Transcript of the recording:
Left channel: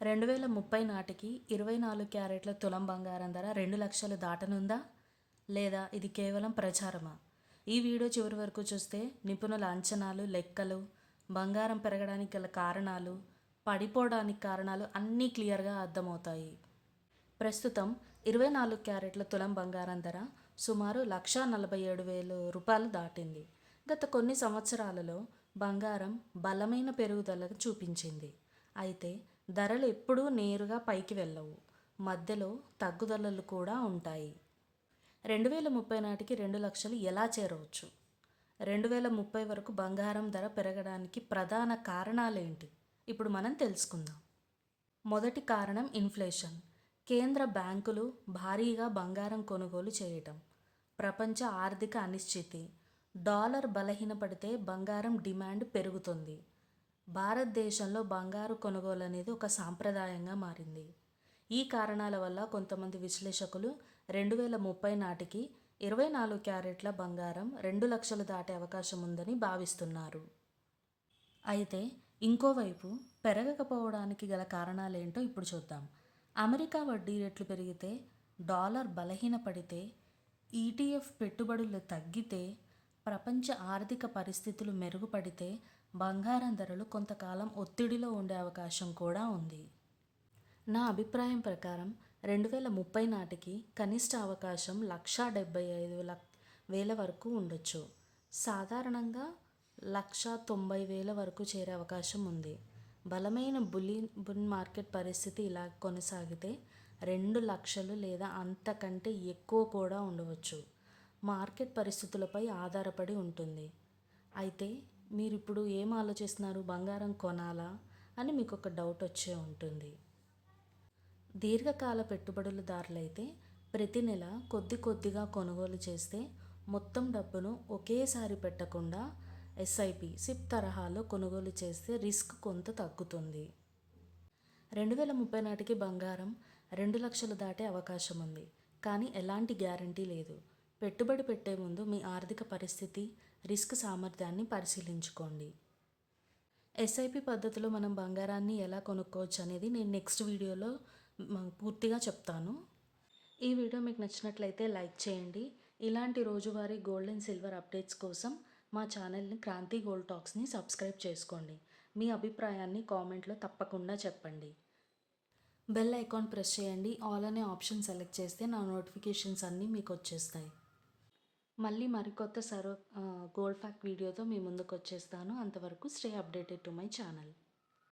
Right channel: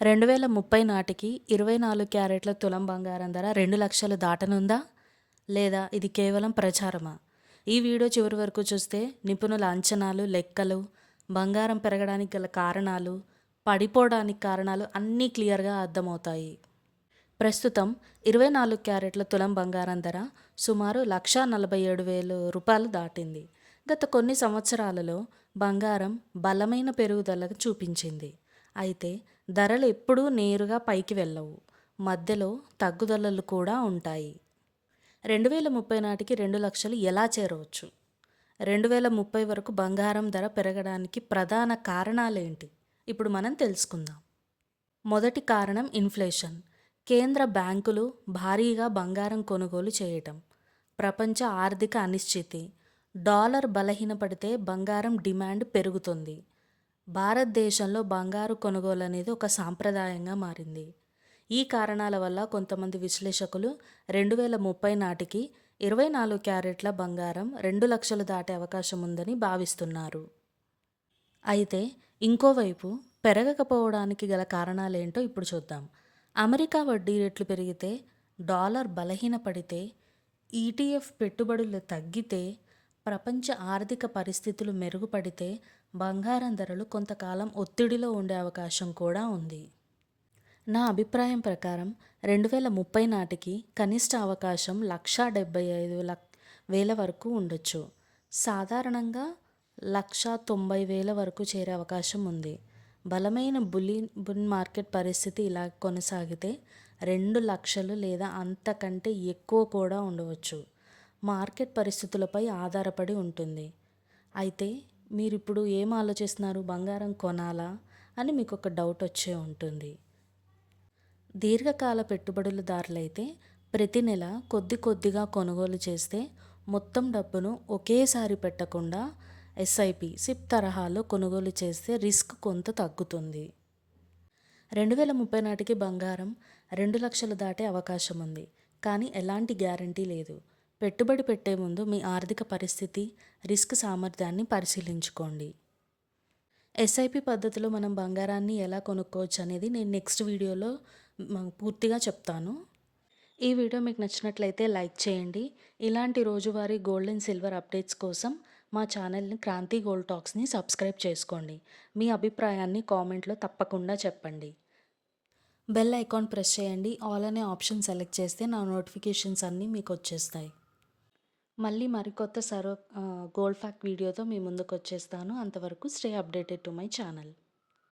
2030 నాటికి 24 క్యారెట్ల తులం బంగారం ధర 2,00,000 దాటనుందా? లేదా ఇది కేవలం ప్రచారమా? ఈ వీడియో చివరి వరకు చూస్తే నిపుణుల అంచనాలు, లెక్కలు, బంగారం పెరగడానికి గల కారణాలు, పడిపోవడానికి కారణాలు అన్నీ క్లియర్గా అర్థమవుతాయి. ప్రస్తుతం 24 క్యారెట్ల తులం బంగారం ధర సుమారు 1,47,000 రూపాయలు దాటింది. గత కొన్ని సంవత్సరాలలో బంగారం బలమైన పెరుగుదల చూపించింది. అయితే ధరలు ఎప్పుడూ నేరుగా పైకి వెళ్ళవు. మధ్యలో తగ్గుదలలు కూడా ఉంటాయి. 2030 నాటికి 2,00,000 ఎలా చేరవచ్చు? 2030 వరకు బంగారం ధర పెరగడానికి ప్రధాన కారణాలేంటి? ఇప్పుడు మనం తెలుసుకుందాం. మొదటి కారణం ఇన్ఫ్లేషన్. కేంద్ర బ్యాంకులు భారీగా బంగారం కొనుగోలు చేయటం. ప్రపంచ ఆర్థిక అనిశ్చితి. డాలర్ బలహీనపడితే బంగారం డిమాండ్ పెరుగుతుంది. భారతదేశంలో బంగారు కొనుగోలు అనేది ఒక సాంప్రదాయంగా మారింది. ఈ కారణాల వల్ల కొంతమంది విశ్లేషకులు 2030 నాటికి 24 క్యారెట్ల బంగారం 2,00,000 దాటే అవకాశం ఉందని భావిస్తున్నారు. అయితే ఇంకోవైపు పెరగకపోవడానికి గల కారణాలేంటో ఇప్పుడు చూద్దాం. అమెరికా వడ్డీ రేట్లు పెరిగితే, డాలర్ బలహీనపడితే, ఈటీఎఫ్ పెట్టుబడులు తగ్గితే, ప్రపంచ ఆర్థిక పరిస్థితులు మెరుగుపడితే బంగారం ధరలు కొంతకాలం ఒత్తిడిలో ఉండే అవకాశం కూడా ఉంది. నా అభిప్రాయం ప్రకారం 2030 నాటికి కనిష్ట అవకాశం 1,75,000 వరకు ఉండొచ్చు. సాధారణంగా 1,90,000 వరకు చేరే అవకాశం ఉంది. బలమైన బుల్ మార్కెట్ పరిస్థితి ఇలా కొనసాగితే 2,00,000 లేదా అంతకంటే ఎక్కువ కూడా ఉండవచ్చు. మార్కెట్ పరిస్థితులపై ఆధారపడి ఉంటుంది. అయితే మీరు ఇప్పుడు ఏం ఆలోచిస్తున్నారు? బంగారం కొనాలా అని మీకు ఒక డౌట్ వచ్చే ఉంటుంది. దీర్ఘకాల పెట్టుబడులదారులైతే ప్రతి నెల కొద్దిగా కొనుగోలు చేస్తే మొత్తం డబ్బును ఒకేసారి పెట్టకుండా ఎస్ఐపి, సిప్ తరహాలో కొనుగోలు చేస్తే రిస్క్ కొంత తగ్గుతుంది. 2030 నాటికి బంగారం 2,00,000 దాటే అవకాశం ఉంది. కానీ ఎలాంటి గ్యారంటీ లేదు. పెట్టుబడి పెట్టే ముందు మీ ఆర్థిక పరిస్థితి, రిస్క్ సామర్థ్యాన్ని పరిశీలించుకోండి. ఎస్ఐపి పద్ధతిలో మనం బంగారాన్ని ఎలా కొనుక్కోవచ్చు అనేది నేను నెక్స్ట్ వీడియోలో పూర్తిగా చెప్తాను. ఈ వీడియో మీకు నచ్చినట్లయితే లైక్ చేయండి. ఇలాంటి రోజువారీ గోల్డ్ అండ్ సిల్వర్ అప్డేట్స్ కోసం మా ఛానల్ని క్రాంతి గోల్డ్ టాక్స్ని సబ్స్క్రైబ్ చేసుకోండి. మీ అభిప్రాయాన్ని కామెంట్లో తప్పకుండా చెప్పండి. బెల్ ఐకాన్ ప్రెస్ చేయండి. ఆల్ అనే ఆప్షన్ సెలెక్ట్ చేస్తే నా నోటిఫికేషన్స్ అన్నీ మీకు వచ్చేస్తాయి. మళ్ళీ మరికొత్త గోల్డ్ ఫ్యాక్ట్ వీడియోతో మీ ముందుకు వచ్చేస్తాను. అంతవరకు stay updated to my channel.